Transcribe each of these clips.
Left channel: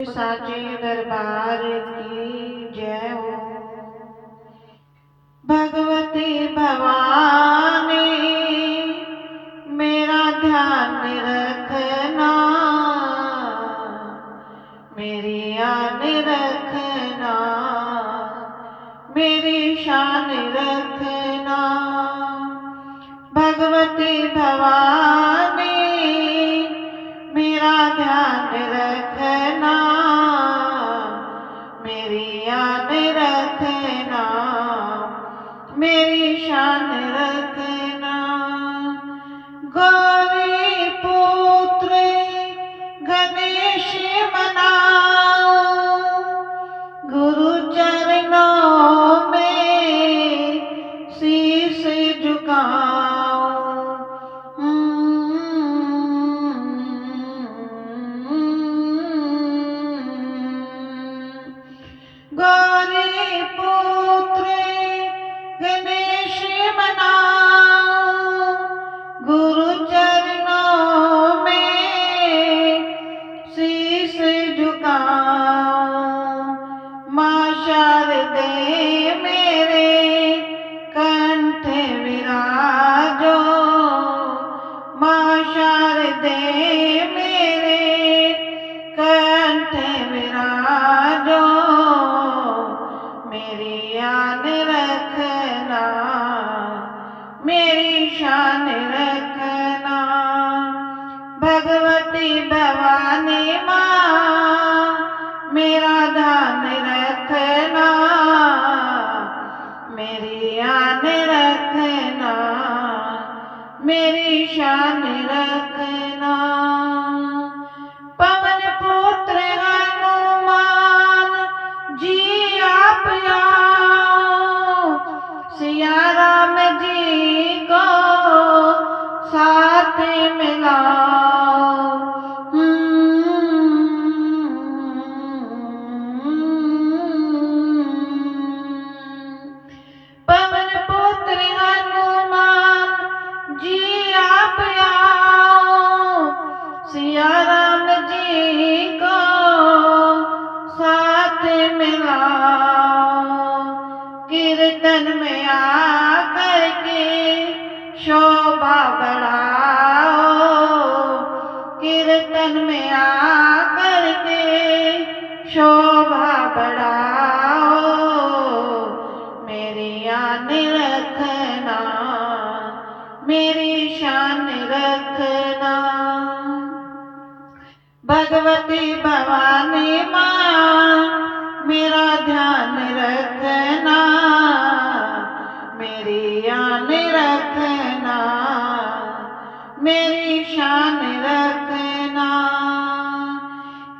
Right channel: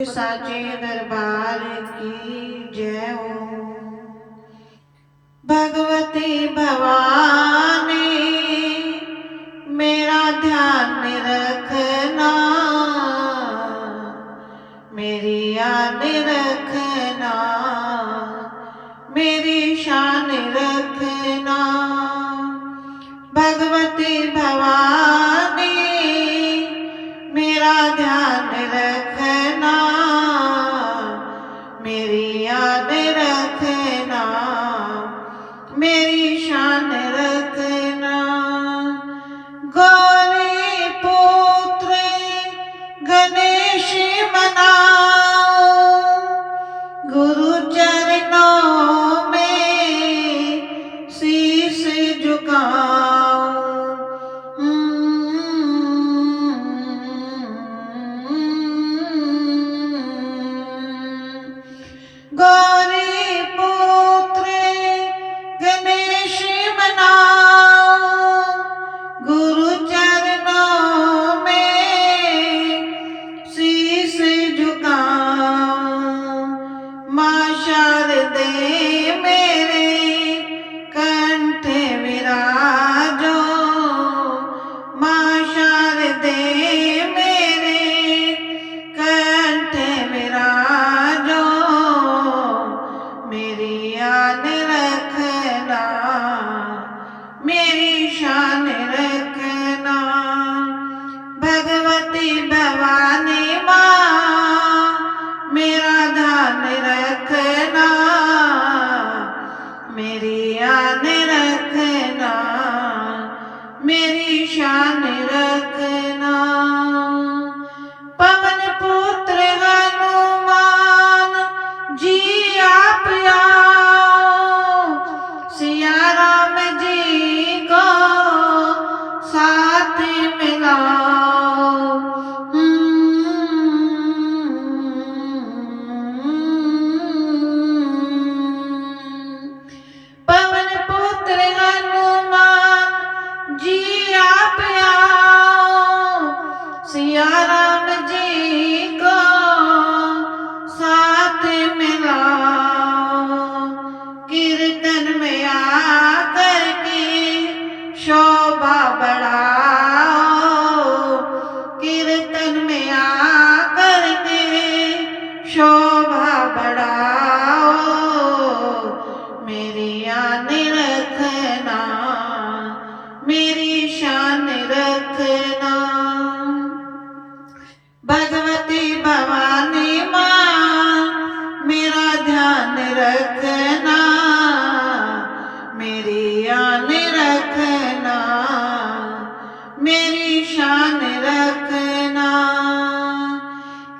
साचे दरबार की जय हो। भगवती भवानी मेरा ध्यान रखना, मेरी आन रखना, मेरी शान रखना। भगवती भवानी मेरा ध्यान रखना, मेरी आन रखना, मेरी शान रखना। गौरी पुत्र गणेश मनाओ, गुरु चरणों में शीश झुकाओ। गौरी पुत्र गणेश मनाओ, गुरु चरणों में शीश झुकाओ। माँ शारदे मेरे कंठ विराजो, माँ शारदे मेरे कंठ विराजो। मेरी आन रखना, मेरी शान रखना। भगवती भवानी माँ मेरा ध्यान रखना, मेरी आन रखना, मेरी शान रखना। पवन पुत्र हनुमान जी आप आओ, सिया राम जी को साथ मिलाओ। पवन पुत्र हनुमान जी आप आओ, सिया राम जी को साथ मिलाओ। कीर्तन में आकर के शोभा बढ़ाओ, कीर्तन में आकर के शोभा बढ़ाओ। मेरी आन रखना, मेरी शान रखना। भगवती भवानी माँ मेरा ध्यान रखना, मेरी आन रखना, मेरी शान रखना।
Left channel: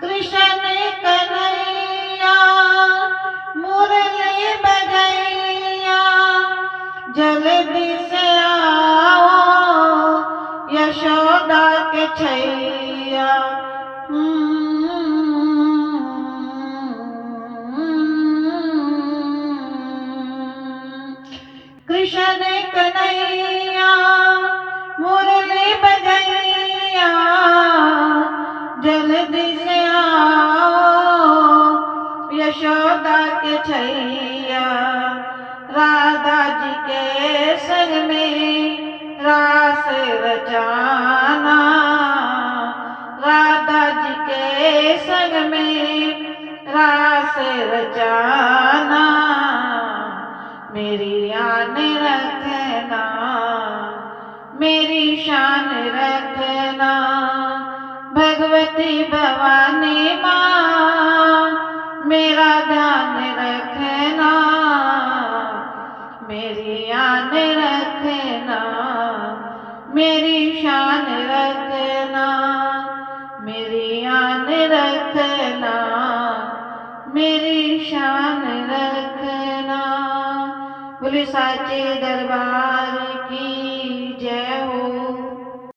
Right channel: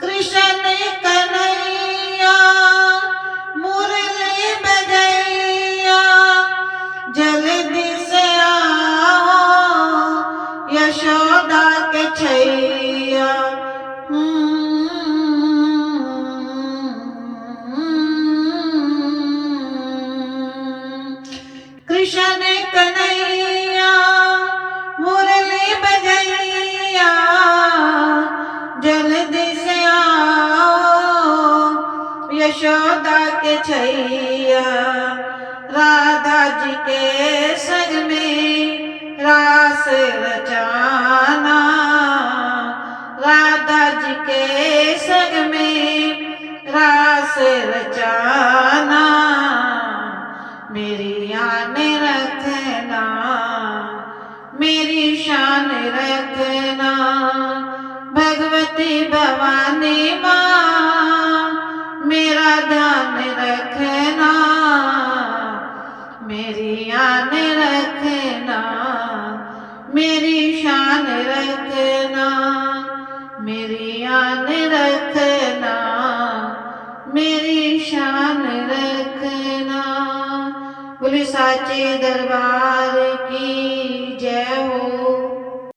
कृष्ण कन्हैया मुरली बजैया, जल्दी से आओ यशोदा के छैया। कृष्ण कन्हैया मुरली बजैया, जल्दी से आओ यशोदा के छैया। राधा जी के संग में रास रचाना, राधा जी के संग में रास रचाना। मेरी आन रखना, मेरी शान रखना। भगवती भवानी माँ मेरा ध्यान रखना, मेरी आन रखना, मेरी शान रखना, मेरी आन रखना, मेरी शान रखना। बोले साचे दरबार की